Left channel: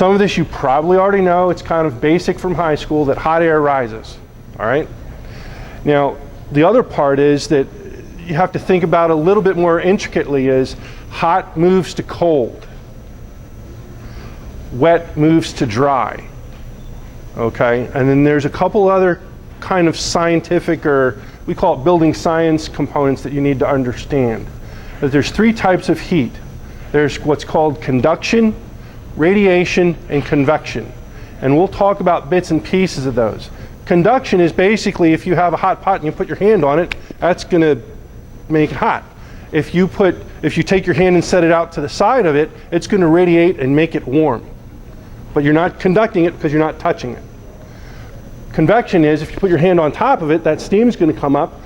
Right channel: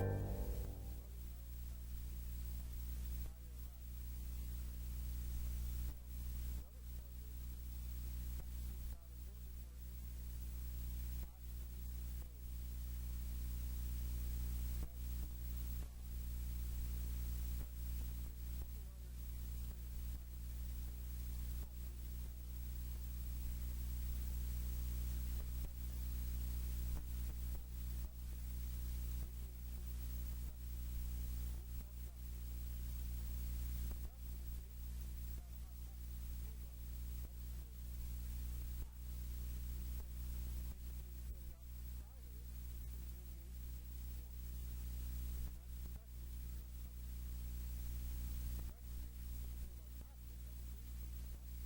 Some of this you probably already know. It's kind of basic from high school that hot air rises, all right? Now, the other part is that you have to think about a little bit more intricately is hot moves to cold. Wet moves to dry, okay? And then there's a couple other kind of scientific, or we call it building science components that you need to understand. That there's three types of heat. There's what's called conduction, radiation, and convection. And we'll talk about bits and pieces of those. Conduction is basically if you have a hot pot and you put your hand on it, that's going to make it hot. If you take your hand and set it out to the side of it, it's going to radiate and make it warm. But you're not conducting it because you're not touching it. Convection is if you put your hand on top of it, that steam is going to come up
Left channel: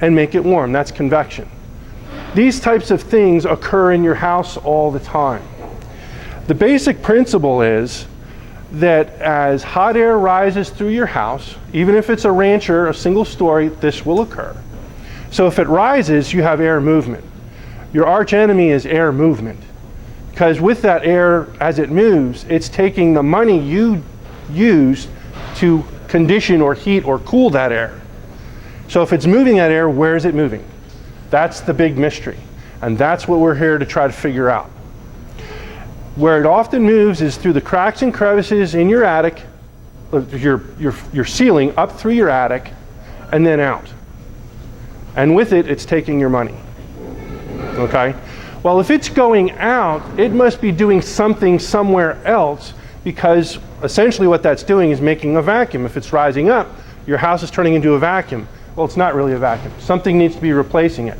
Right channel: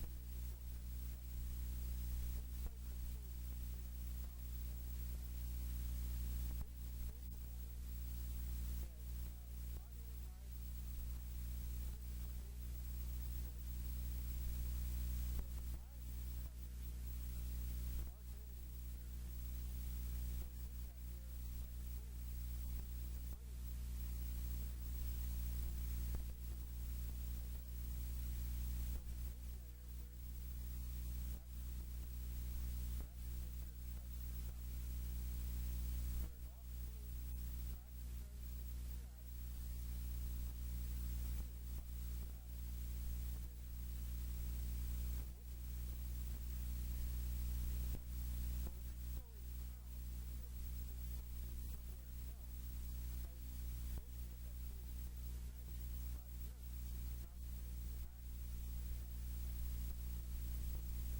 and make it warm. That's convection. These types of things occur in your house all the time. The basic principle is that as hot air rises through your house, even if it's a rancher, a single story, this will occur. So if it rises, you have air movement. Your arch enemy is air movement. Because with that air, as it moves, it's taking the money you used to condition or heat or cool that air. So if it's moving that air, where is it moving? That's the big mystery. And that's what we're here to try to figure out. Where it often moves is through the cracks and crevices in your attic, your ceiling, up through your attic, and then out. And with it, it's taking your money. Okay? Well, if it's going out, it must be doing something somewhere else, because essentially what that's doing is making a vacuum. If it's rising up, your house is turning into a vacuum. Well, it's not really a vacuum. Something needs to be replacing it.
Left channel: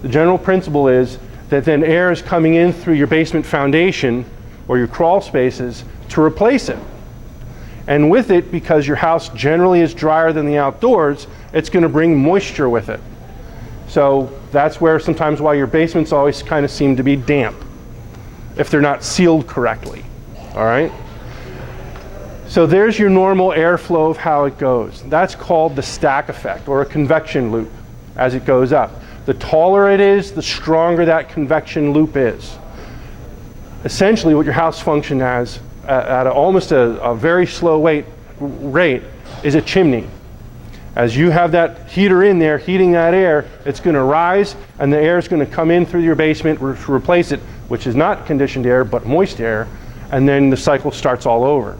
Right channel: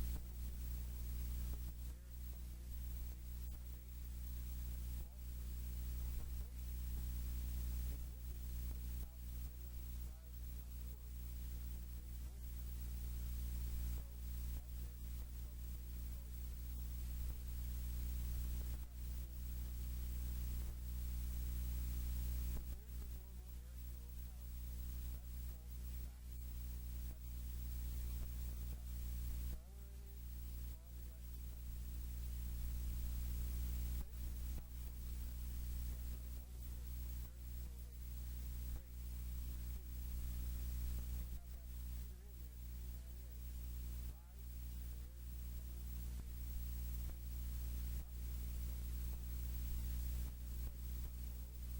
The general principle is that then air is coming in through your basement foundation or your crawl spaces to replace it. And with it, because your house generally is drier than the outdoors, it's going to bring moisture with it. So that's where sometimes why your basements always kind of seem to be damp if they're not sealed correctly. All right? So there's your normal airflow of how it goes. That's called the stack effect, or a convection loop, as it goes up. The taller it is, the stronger that convection loop is. Essentially what your house functions as at almost a very slow rate is a chimney. As you have that heater in there heating that air, it's going to rise and the air is going to come in through your basement to replace it, which is not conditioned air but moist air, and then the cycle starts all over.